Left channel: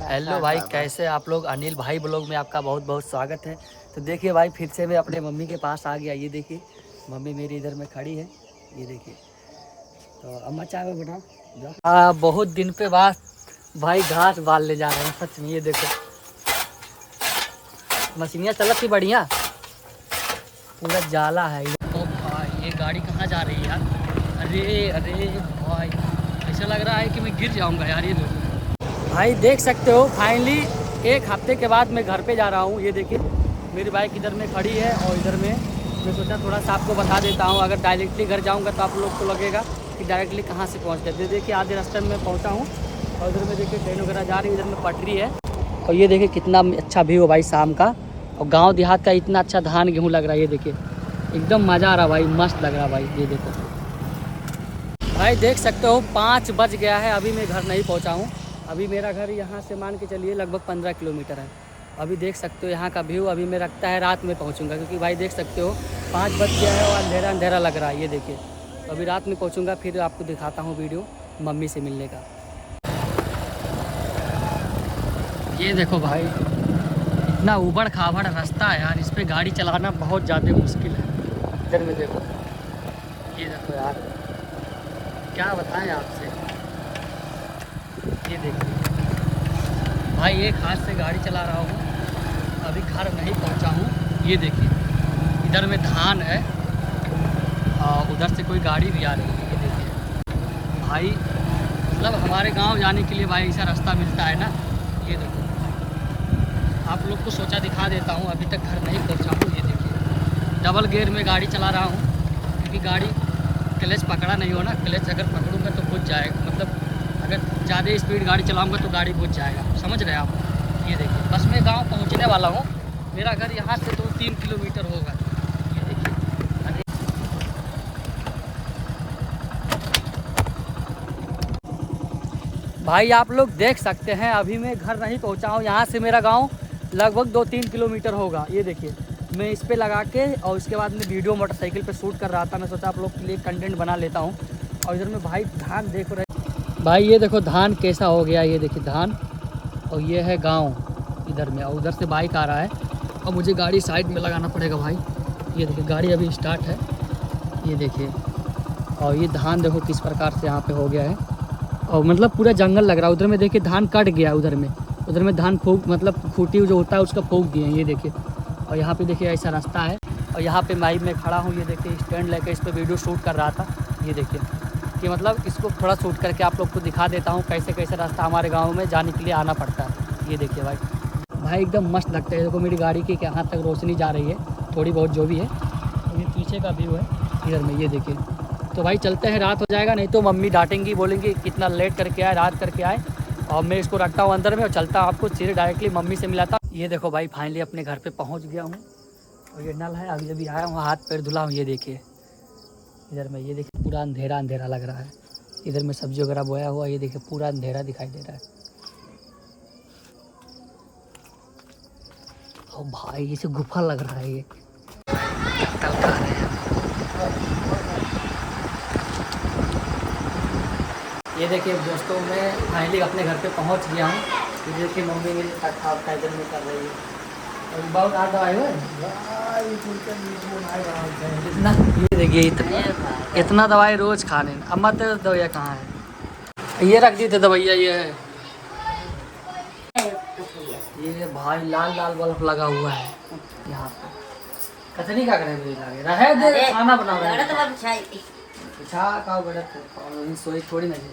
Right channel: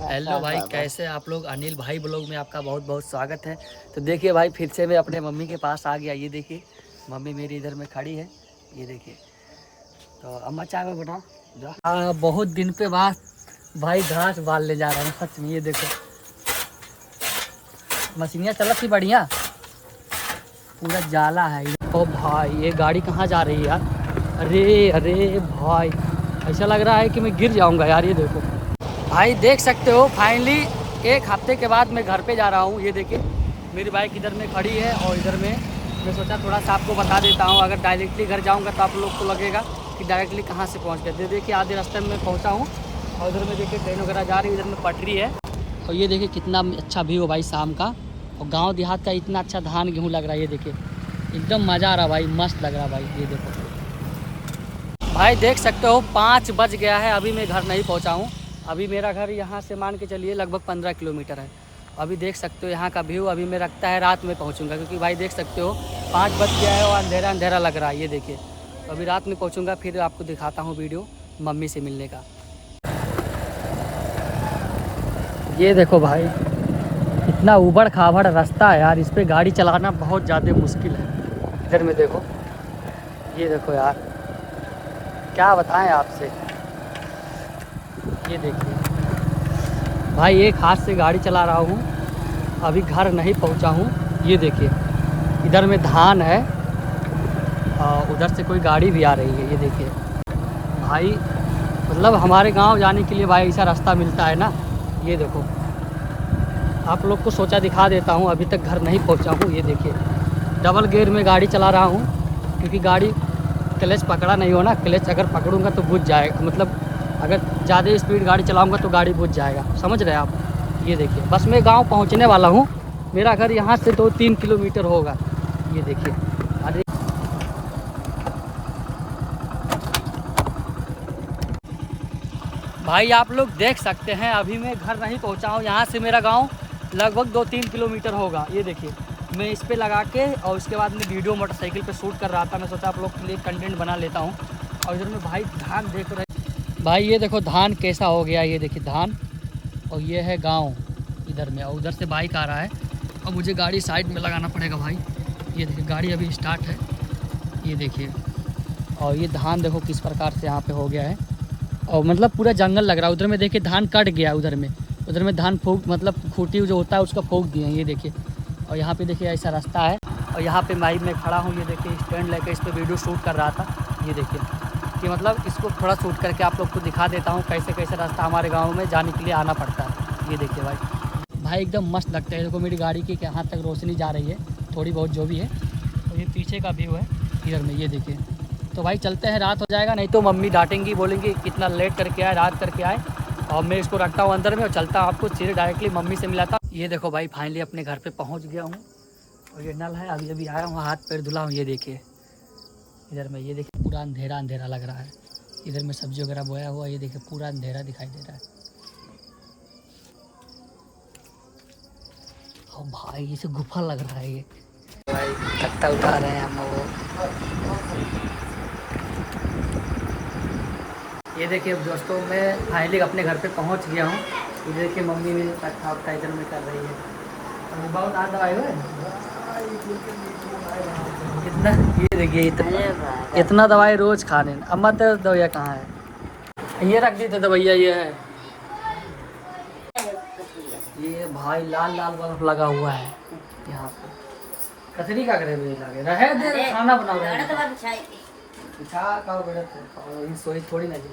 Hello भाई, कैसे आप लोग। अनिल भाई ब्लॉग में आपका बहुत बहुत स्वागत है। तो देखिए भाई, फिर से मैं अपने मम्मी के पास आ गया। ये देखिए मम्मी मेरी इधर में खड़ी है। ये देखिए, तो अम्मा चाय में बनाओ। बहुत दिन पे बाद भाई घास बालने जा रहा हूँ सच में। ये देखो मशीनियाँ चलत थी बढ़िया, पूरा जाला है। ओ भाई, ये गाड़ी कहाँ जा रही है यार। अरे अरे भाई, ऐसा लग रहा है कि मैं गिर जाऊँगा यार। ये देखो भाई, देख सकते हो फाइनली एक हफ्ते के बाद मैं घर पे जा रहा हूँ। ये देखिए मेरी बाइक इधर में खड़ी है और इधर में मैं सोचा थोड़ा सा आपको बता देता हूँ। अगर डायरेक्टली घर जाऊँगा तो आप लोग को लगेगा कि डायरेक्टली कहाँ से पहुँच गए। देखिए आधे रास्ते में पहुँचा हूँ और इधर में देखिए ट्रेन वगैरह जा रही है, इधर में पटरी है। और ये देखिए कितना अच्छा व्यू है भाई शाम का, और गाँव देहात का इतना अच्छा धान गेहूँ लग रहा है। ये देखिए एकदम मज़ा आ रहा भाई, मस्त लग रहा भाई। ये देखो भाई, देख सकते हो 5 बज गया है, अभी मैं घर नहीं पहुँचा हूँ। अभी मेरा घर यहाँ से मान के चलिए लगभग 15 किलोमीटर है। अभी देख सकते हो यहाँ का व्यू। अभी मैं रखता है रात में पहुँचूँगा, क्योंकि भाई देख सकते हो 5 बज गया है और अंधेरा अंधेरा लग रहा है। ये देखिए तो अभी रात में पहुँचूँगा, फिर आपको दिखाता हूँ वीडियो मम्मी से मिलने का। ये देखो भाई, इतना उबड़ खाबड़ रास्ता है यार, इस पर गाड़ी चलाना बहुत ज़्यादा मुश्किल है। इधर में देखो, ये देखो यार, क्या बताएं आपसे। ये देखिए भाई, एक हाथ से गाड़ी चला रहा हूँ, अभी घर नहीं पहुँचा हूँ। ये देखिए इधर में धान है और उधर से कोई गाड़ी भी आ रही है। ये देखिए भाई, मतलब हमारे गांव जाने के लिए भाई ऐसा रास्ता मिलता है ना। ये देखो आप लोग को सोचा दिखा देता हूँ, अभी तक घर नहीं पहुँचा हूँ। ये देखिए डबल गियर में गाड़ी चला रहा हूँ, क्योंकि गाड़ी क्लच पकड़ा नहीं हो ना। क्लच अगर पकड़ूंगा तो बुझ जाएगा, मतलब अगर ज़्यादा स्पीड गाड़ी चलाऊंगा तो गाड़ी बुझ जाएगा, समझ रहे हैं आप। ये देखिए बस मैं गांव पहुंचने वाला हूं। मेरा घर यहां से 2-3 किलोमीटर होगा। ये देखिए अरे भाई, आप लोग देख सकते हैं अभी मैं घर नहीं पहुंचा हूं। यहां से मेरा गांव लगभग 2-3 किलोमीटर होगा। ये देखिए मैं इस पर लगा के और उसके बाद में वीडियो मोटरसाइकिल पर शूट कर रहा था। मैं सोचा आप लोग के लिए कंटेंट बना लेता हूँ। और इधर में भाई धान देख रहे भाई, ये देखो धान कैसा हो गया। ये देखिए धान, और ये है गांव इधर में, और उधर से बाइक आ रहा है और मुझे गाड़ी साइड में लगाना पड़ेगा भाई। ये देखिए गाड़ी अभी स्टार्ट है। ये देखिए, और ये धान देखो किस प्रकार से यहाँ पे हो गया है, और मतलब पूरा जंगल लग रहा है। उधर में देखिए धान कट गया, उधर में धान फूक, मतलब खूटी जो होता है उसका फूक दिए हैं। ये देखिए, और यहाँ पे देखिए ऐसा रास्ता है, और यहाँ पे भाई मैं खड़ा हूँ। ये देखिए स्टैंड लेकर इस पर वीडियो शूट कर रहा था। ये देखिए कि मतलब इसको थोड़ा शूट करके आप लोग को दिखा देता हूँ कैसे कैसे रास्ता हमारे गांव में जाने के लिए आना पड़ता है। ये देखिए भाई एकदम मस्त लगता है। देखो मेरी गाड़ी की यहाँ तक रोशनी जा रही है, थोड़ी बहुत जो भी है। और ये पीछे का व्यू है इधर में। ये देखिए तो भाई चलते हैं, रात हो जाएगा नहीं तो मम्मी डांटेंगी, बोलेंगी कितना लेट करके आए, रात करके आए। और मैं इसको रखता हूँ अंदर में और चलता हूँ, आपको सीधे डायरेक्टली मम्मी से मिलाता। ये देखो भाई फाइनली अपने घर पर पहुँच गया हूँ, और ये नल है, अभी अभी आया हूँ, हाथ पैर धुला हूँ। ये देखिए इधर में, ये देखिए पूरा अंधेरा अंधेरा लग रहा है। इधर में सब्जी वगैरह बोया हुआ, ये देखिए पूरा अंधेरा दिखाई दे रहा है। ओ भाई, इसे गुफा लग रहा है। ये भाई कट्टा उठा रहे हैं हम लोग। ये देखिए दोस्तों, मैं फाइनली अपने घर पे पहुंच गया हूँ। ये देखिए मम्मी मेरी कट्टा इधर में कर रही है, और बहुत आ दवाई हुआ इतना। ये देखिए इतना दवाई रोज खाने। अम्मा तो दवाइया कहाँ है, ये रख दी थे दवाइया। ये है, ये भाई लाल लाल बल्ब लगा हुआ है यहाँ पे। कतरी का करे लगे रहे दे, खाना बनाओ रहे पिछा का बड़े तो सोई थोड़ी ना जी।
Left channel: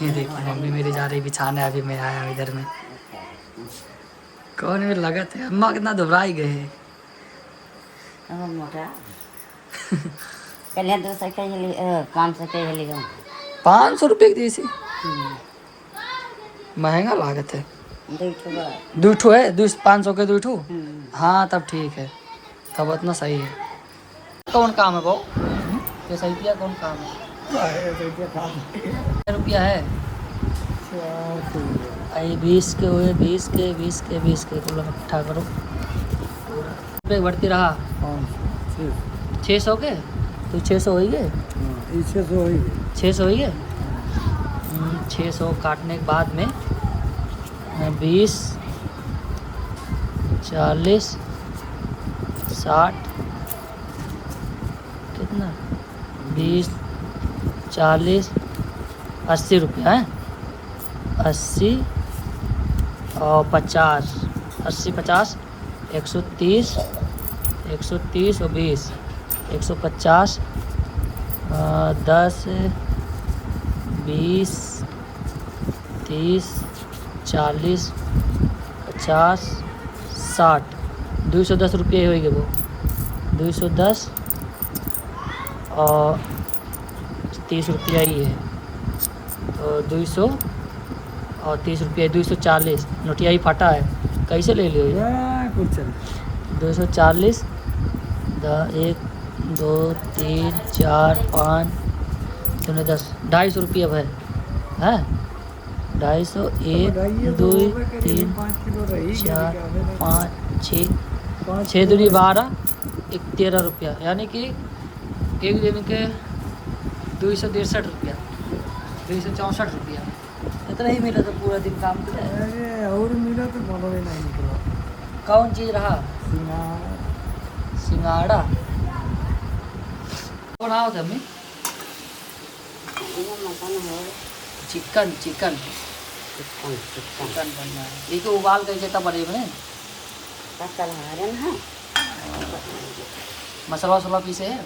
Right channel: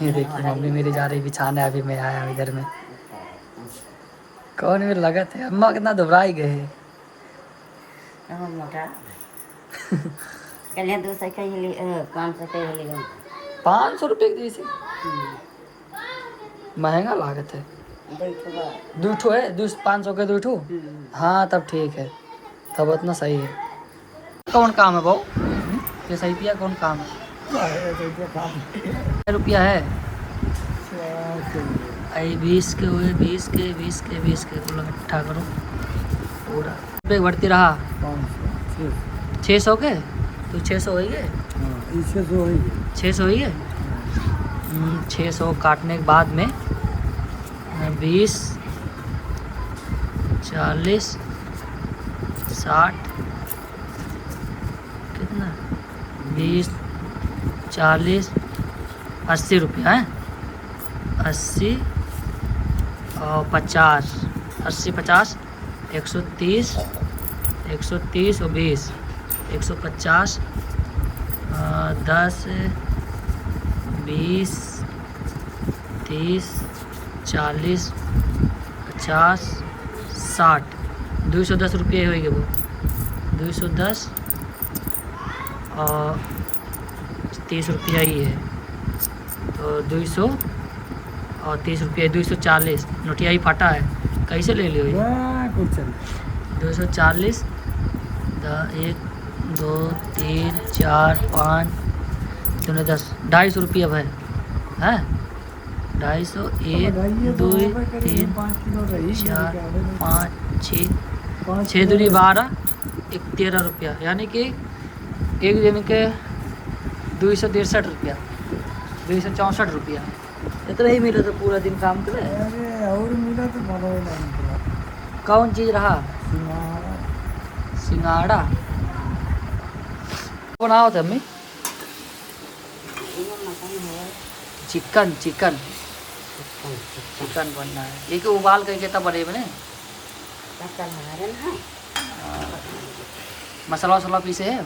ये देखिए मम्मी मेरी जा रही बिछाने, अभी मैं आया इधर में। कौन में लगा थे, अम्मा कितना दुबराई गए। मोटा 200 के 500 के 500 रुपये की जैसी महंगा लागत है। दूठो है 500 के दूठो। हाँ तब ठीक है, तब उतना सही है। कौन काम है भाव, ये सही किया कौन काम है। रुपया है 20 के हुए, 20 के 20 के 20 के पूरा इकट्ठा करो पूरा पे बढ़ती रहा। 600 के तो 600 हो गए, 600 हो गए। 600 काटने के बाद में 20, 40, 60, कितना 20, 40, 80 रुपया है। 80 और 50, 80, 50, 130, 130 और 20, 150, 10, 20, 30, 40, 50, 60, 210 रुपये होएंगे वो। 210 और 30 रुपया ही है, तो 200 और 30 रुपया 240। नोटिया ही फटा है, कैसे ले लियो ये? कुछ चल 240, 1, 2, 3, 4, 5, 10, 250 रुपया भाई है। 250, 1, 2, 3, 4, 5, 6, 6 दूनी 12, 13 रुपया, यानी कि एक दिन के 263 रुपया, 264 रुपया। इतना ही मिला तो पूरा दिन काम करे। अरे और मिला तो बोलो ही नहीं निकला। कौन चीज़ रहा? सिंगाड़ा बनाओ थे अम्मी। चिकन चिकन चिकन बनना है। ये तो उबाल करके तब बने बने मसाला वसाला पीसे है।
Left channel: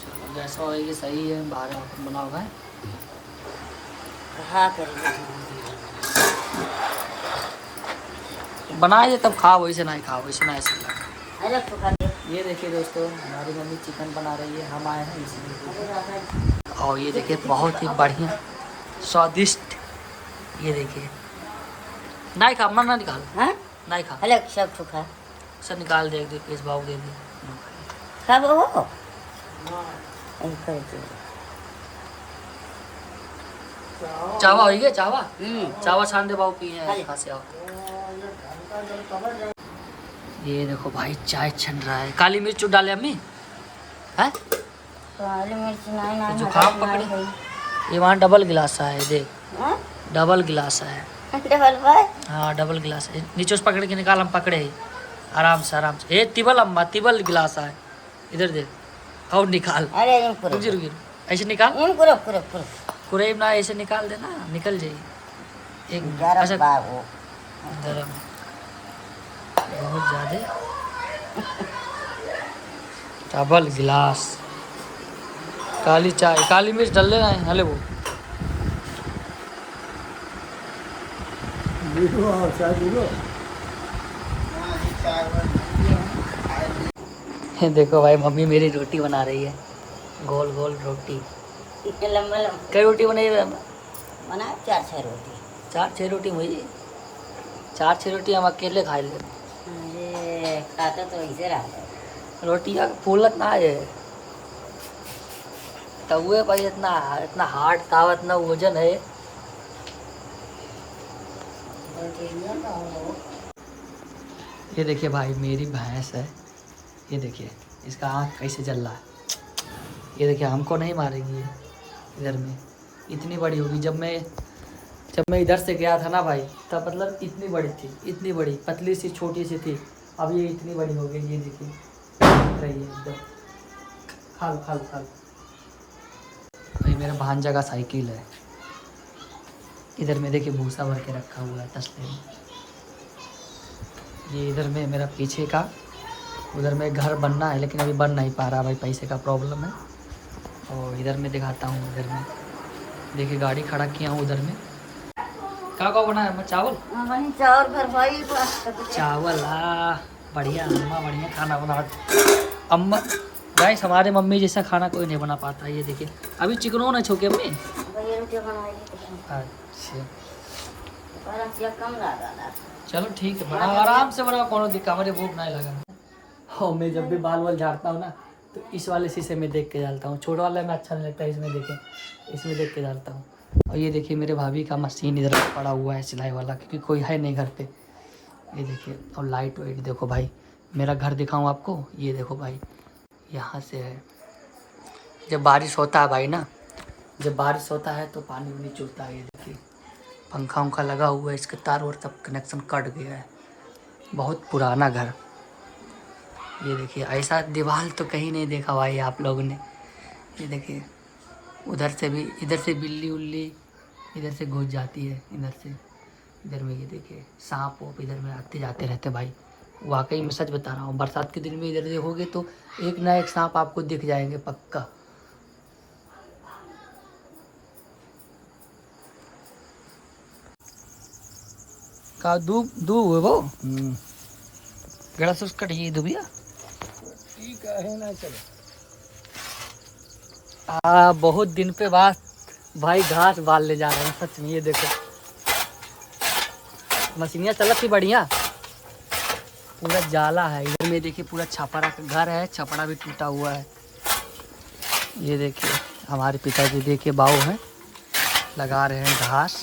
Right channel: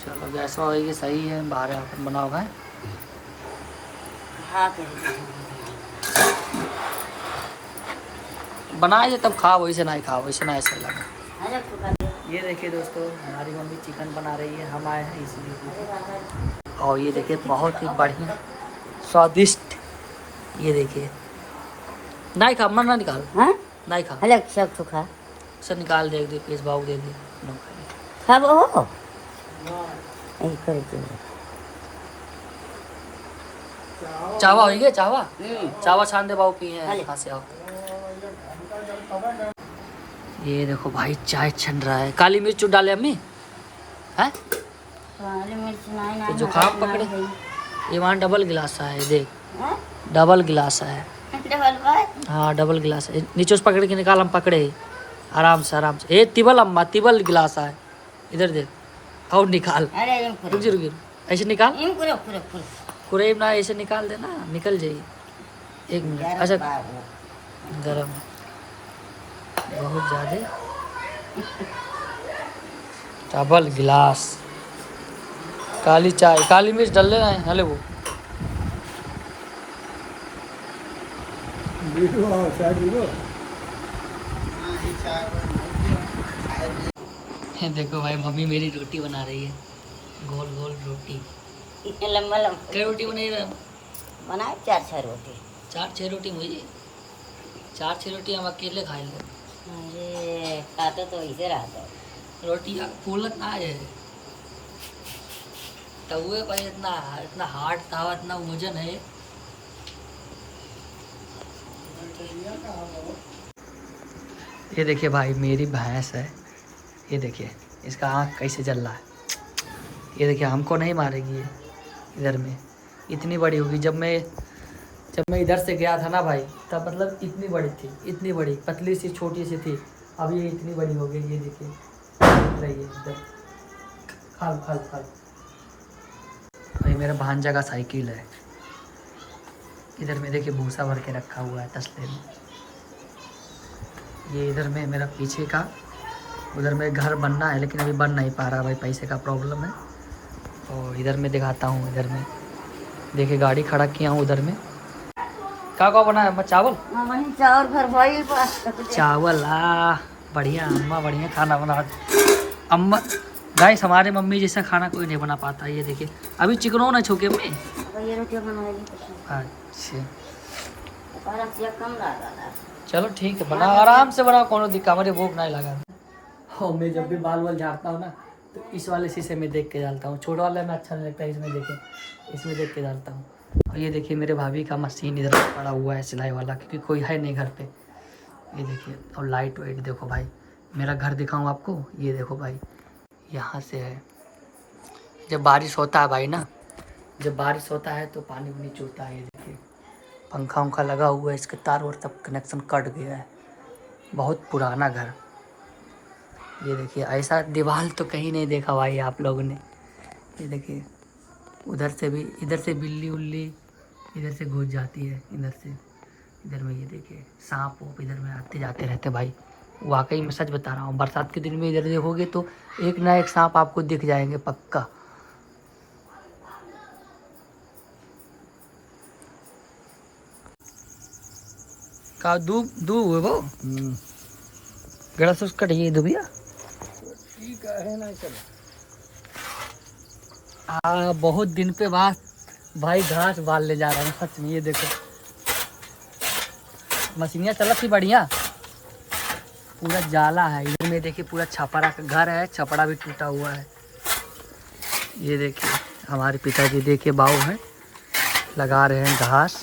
चलो गैस होगी सही है, बाहर आकर बनाओ है। बनाइए तब खाओ, वैसे नहीं खाओ, वैसे ना ऐसा लगा। ये देखिए दोस्तों, हमारी मम्मी चिकन बना रही है, हम आए हैं इसलिए। और ये देखिए बहुत ही बढ़िया स्वादिष्ट, ये देखिए। नहीं खा, मन ना निकाल, नहीं खा, सब निकाल दे दे, पीस भाव दे दे। चावा हो गया, चावा चावा छान दे बाबू, पिए हैं कहाँ से आओ। ये देखो भाई चाय छन रहा है। काली मिर्च डाले अम्मी है, तो जुकाम पकड़े। ये वहाँ डबल गिलास है, देख डबल गिलास है। हाँ डबल गिलास है, नीचे से पकड़ के निकाल, हम पकड़े ही आराम से आराम से। ये तिबल अम्मा, तिबल गिलास है, इधर देख और निकाल। रुक जी रुक जी, ऐसे निकाल, कुरेब ना ऐसे निकाल देना, निकल जाइए। एक मिनट, अच्छा गरम बहुत ज़्यादा। डबल गिलास काली चाय, काली मिर्च डाल देना है। हले वो ये देखो भाई, मम्मी मेरी रोटी बना रही है, गोल गोल रोटी। कई रोटी बनाई है? बना 4-6 रोटी। 4-6 रोटी मुझे, 4-6 रोटी हम अकेले खा ले। अरे खाता तो ऐसे रहता है। रोटी फूलत ना है, तवे पर इतना इतना हार्ड तावा, इतना वजन है। ये देखिए भाई मेरी भैंस है, ये देखिए इसका आँख कैसे जल रहा है। ये देखिए हमको नहीं मारेगी ये, इधर में इतनी बड़ी होगी। जब मैं इधर से गया था ना भाई, तब मतलब इतनी बड़ी थी, इतनी बड़ी, पतली सी छोटी सी थी। अब ये इतनी बड़ी हो गई, ये देखिए दिख रही है एकदम। खाल खाल खाल। भाई मेरा भांजा का साइकिल है, इधर में देखिए भूसा भर के रखा हुआ है तसले में। ये इधर में मेरा पीछे का, उधर में घर बनना है लेकिन अभी बन नहीं पा रहा भाई, पैसे का प्रॉब्लम है। और इधर में दिखाता हूँ, इधर में देखिए गाड़ी खड़ा किया हूँ उधर में। क्या बना है अम्मा? चावल चावल बढ़िया अम्मा, बढ़िया खाना बना अम्मा। गाइस हमारे मम्मी जैसा खाना कोई नहीं बना पाता। ये देखिए अभी चिकनो ना छोके अम्मी। अच्छा चलो ठीक है, बनाओ आराम से बनाओ, कोनो दिक्कत, हमारे भूख नहीं लगा। और मैं जब भी बाल वाल झाड़ता हूँ ना, तो इस वाले शीशे में देख के डालता हूँ। छोटा वाला में अच्छा नहीं लगता है, इसमें देखें, इसमें देख के डालता हूँ। और ये देखिए मेरे भाभी का मशीन इधर पड़ा हुआ है सिलाई वाला, क्योंकि कोई है नहीं घर पे। ये देखिए, और लाइट वाइट देखो भाई। मेरा घर दिखाऊँ आपको, ये देखो भाई, यहाँ से है। जब बारिश होता है भाई ना, जब बारिश होता है तो पानी भी चूता है। ये देखिए पंखा उंखा लगा हुआ है, इसके तार और तब कनेक्शन कट गया है। बहुत पुराना घर। ये देखिए ऐसा दीवार तो कहीं नहीं देखा भाई आप लोगों ने। ये देखिए उधर से भी, इधर से बिल्ली उल्ली इधर से घुस जाती है, इधर से इधर में। ये देखिए सांप वाप इधर में आते जाते रहते भाई। वाकई में सच बता रहा हूँ, बरसात के दिन में इधर देखोगे तो एक ना एक सांप आपको दिख जाएंगे पक्का। का दूब दूब है वो गड़ा से उसका ये दुबिया ठीक है ना। चल बहुत दिन पे बाद भाई घास बाल ले जा रहा हूँ सच में। ये देखो मशीनियाँ चलत थी बढ़िया। पूरा जाला है इधर में। देखिए पूरा छपरा का घर है, छपरा भी टूटा हुआ है। ये देखिए हमारे पिताजी देखिए बाऊ है, लगा रहे हैं घास।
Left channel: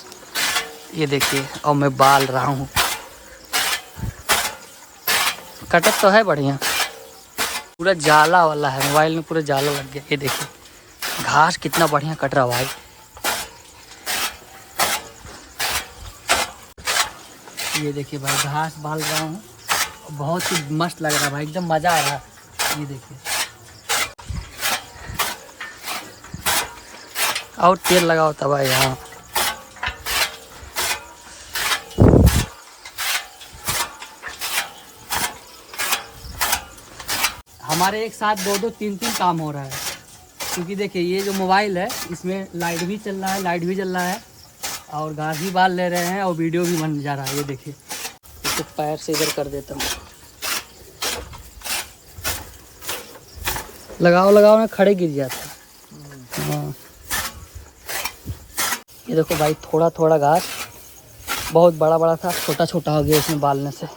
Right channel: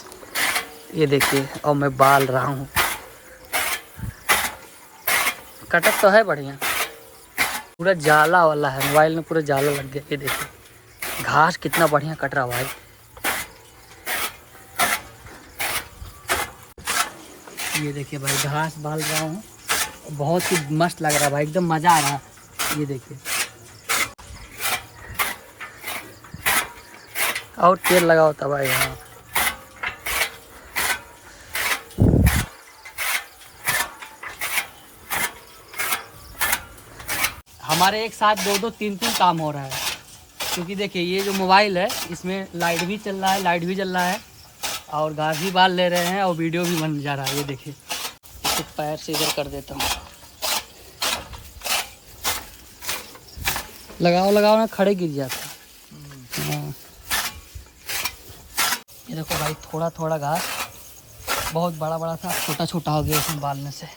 ये देखिए और मैं बाल रहा हूँ। कटक तो है बढ़िया, पूरा जाला वाला है। मोबाइल में पूरा जाला लग गया। ये देखिए घास कितना बढ़िया कट रहा भाई। ये देखिए भाई घास बाल रहा हूँ, बहुत ही मस्त लग रहा है भाई, एकदम मज़ा आ रहा है। ये देखिए और तेल लगा होता भाई यहाँ। हमारे एक साथ दो दो तीन तीन काम हो रहा है, क्योंकि देखिए ये जो मोबाइल है इसमें लाइट भी चल रहा है, लाइट भी चल रहा है और घास भी बाल ले रहे हैं और वीडियो भी बन जा रहा है। ये देखिए इसको पैर से इधर कर देता हूँ। लगाओ लगाओ ना खड़े गिर जाता है। ये देखो भाई थोड़ा थोड़ा घास बहुत बड़ा बड़ा था, छोटा छोटा हो गया इसमें बालने से।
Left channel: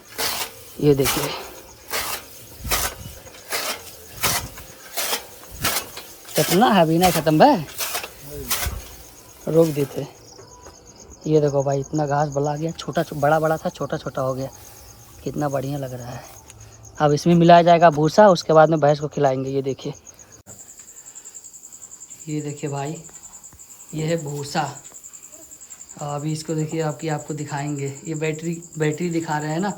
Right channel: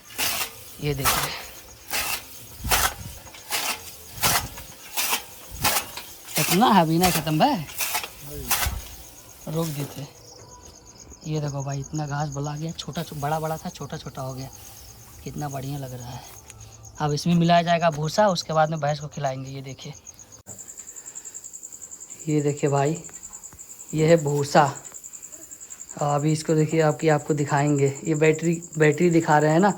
ये देखिए कितना है, अभी नहीं खत्म भाई, रोक देते। ये देखो भाई इतना घास बला गया, छोटा बड़ा बड़ा था, छोटा छोटा हो गया। कितना बढ़िया लग रहा है। अब इसमें मिलाया जाएगा भूसा, उसके बाद में भैंस को खिलाएंगे। ये देखिए, ये देखिए भाई ये है भूसा। अभी इसको देखिए आपको दिखाएंगे। ये बैटरी दिखा रहे हैं ना,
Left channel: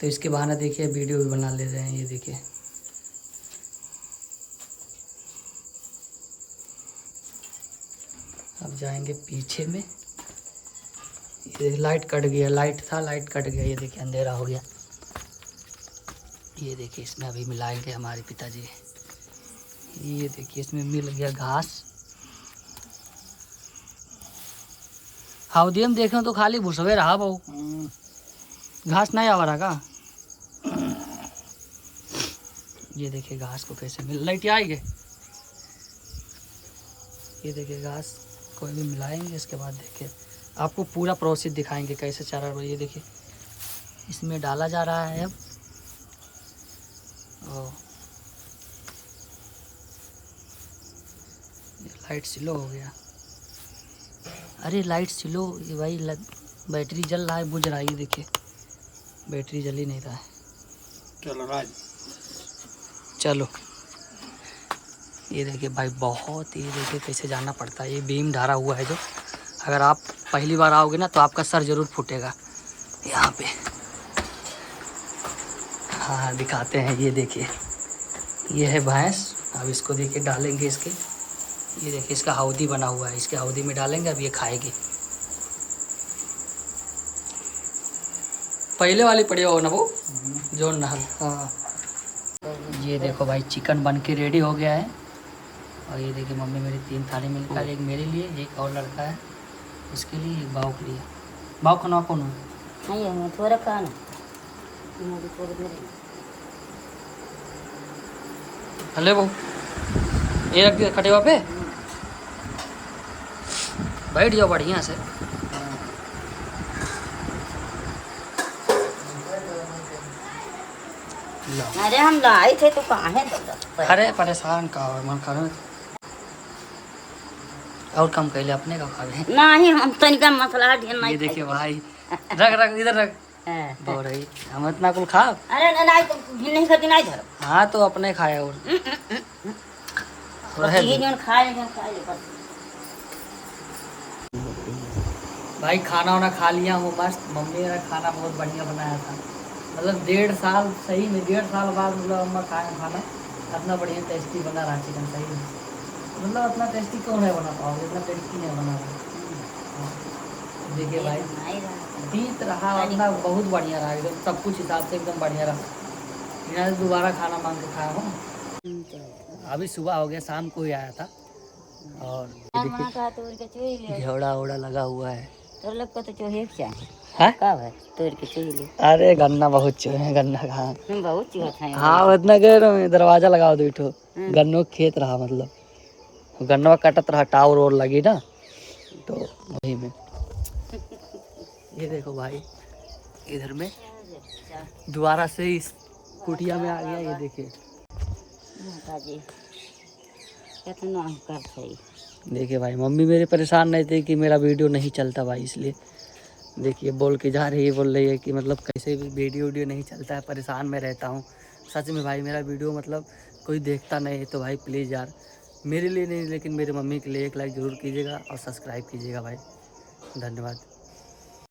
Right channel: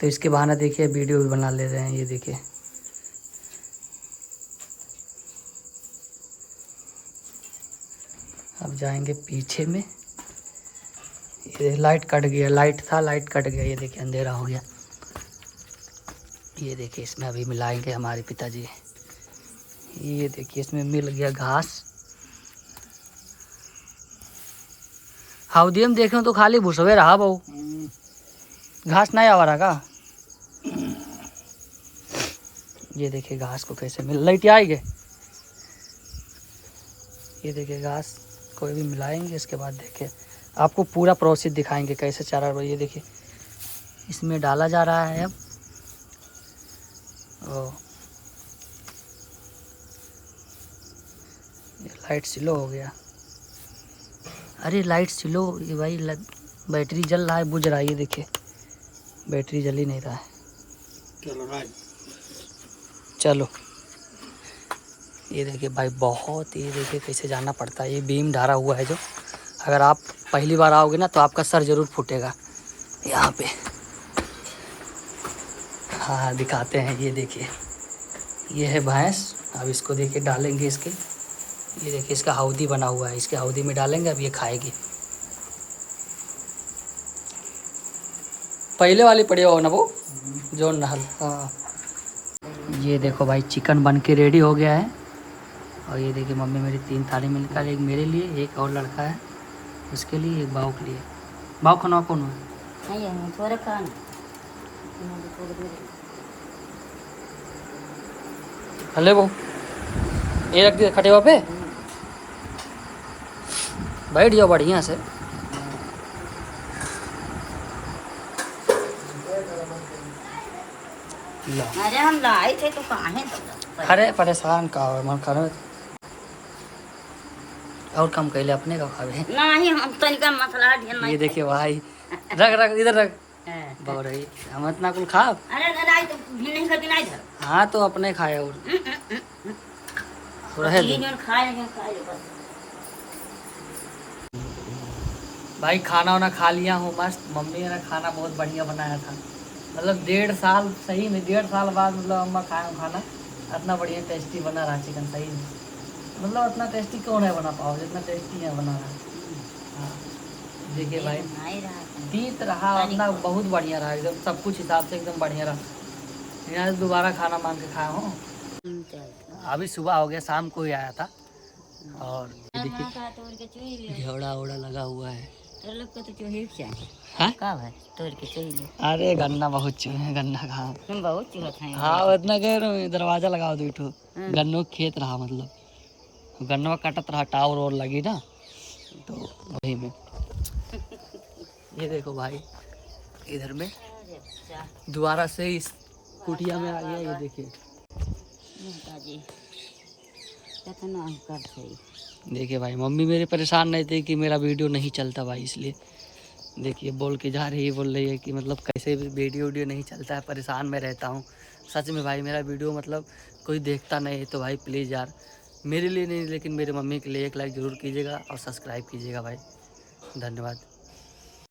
तो इसके बहाने देखिए वीडियो भी बना ले रहे हैं। ये देखिए अब जाएंगे पीछे में। ये लाइट कट गया, लाइट था लाइट कट गया। ये देखिए अंधेरा हो गया। ये देखिए इसमें अभी मिलाएंगे हमारे पिताजी। ये देखिए इसमें मिल गया घास। हाउदी में देख रहे हो तो खाली भूसवे रहा बहु, घास नहीं आवा रहा का। ये देखिए घास को कैसे मिल, लाइट आएगी। ये देखिए घास को भी मिलाएंगे, इसके बाद देखिए आपको पूरा प्रोसेस दिखाएंगे कैसे चारा। ये देखिए इसमें डाला जा रहा है अब। ये लाइट स्लो हो गया। अरे लाइट स्लो, ये भाई बैटरी जल रहा है, बुझ रहा है। ये देखिए बैटरी जल ही नहीं रहा है। चलो ये देखिए भाई बहुत, ये देखिए कैसे जाना पड़ता है। ये बीम ढारा हुआ है जो, अगर आप पहली बार आओगे ना तो आपका सर जरूर फूटेगा यहाँ पे। हाँ दिखाते हैं। ये देखिए ये है भैंस। अब इसको देखिए डालेंगे इसके। ये देखिए इसका हाउदी बना हुआ है, इसके हाउदी में डालेंगे। अब ये खाएगी। पहले वाली पड़ी हो ना वो जो नहल। हाँ ये देखो भाई चिकन बन के रेडी हो गया है। और ये देखिए मम्मी मेरी 3 थाली मिलकर, एक मेरे लिए, एक और लड़का है उसके लिए, एक बाऊ के लिए। बाऊ खाना कौन है? नहीं थोड़ा खाना। हले वो ये रख दिया खटेवा पे, बैठ जाओ बढ़िया से। अरे हम लाए थे तो कहाँ है? अरे परेशान का हो मन कर। और कम कैले अपने का खावे नहीं, हम तनिका मसला ढेर। ये देखिए भाई रख रख इधर रख बहुत रही। हम इतना कुल खा। अरे नहीं तो भी नहीं खाती नहीं धर। हाँ तो अपने खाए और ये जो खाए बस। भाई खाना वाना खा लिया हूँ मस्त। मम्मी ने खाना बहुत बढ़िया बनाया था, मतलब 1.5 साल, सही में 1.5 साल बाद मतलब अम्मा खाए खाना, इतना बढ़िया टेस्टी बना रहा चिकन, सही में मतलब इतना टेस्टी क्यों नहीं बना पाओगे, इतना टेस्टी नहीं बना रहा। हाँ देखिए भाई नहीं रहा। बीत रहा अपना, बहुत बढ़िया रहा एकदम, सब कुछ हिसाब से एकदम बढ़िया रहा। यहाँ से दोबारा खाना मांग के खाया हूँ। अभी सुबह हो गया, शाम को ही आया था। और ये देखिए घेवड़ा ओड़ा लगा हुआ है। तो लोग को तो चूहे चाहिए है का भाई तोड़ के चूहे अरे गन्ना बहुत चूहे हैं, गन्ना कहाँ। बहुत चूहा था। हाँ इतना कह में दरवाजा लगाओ दो इठो, गन्नों के खेत रहा, मतलब गन्नवा कटत रहा, टावर और लगी ना तो वही में। ये देखो भाई इधर में दोबारा से इस कुटिया में आ गया, ये देखिए। देखिए भाई मम्मी मेरे परेशान नहीं थे कि मेरा वीडियो नहीं चलता भाई, इसलिए देखिए बोल के जा रही है, बोल रही है कि मतलब कैसे भी वीडियो नहीं चलता है, परेशान मैं रहता हूँ। सच में भाई मेरा वीडियो मतलब कोई देखता नहीं है तो भाई प्लीज़ यार, मेरे लिए नहीं लेकिन मेरे मम्मी के लिए एक लाइक ज़रूर कीजिएगा और सब्सक्राइब कीजिएगा भाई। धन्यवाद।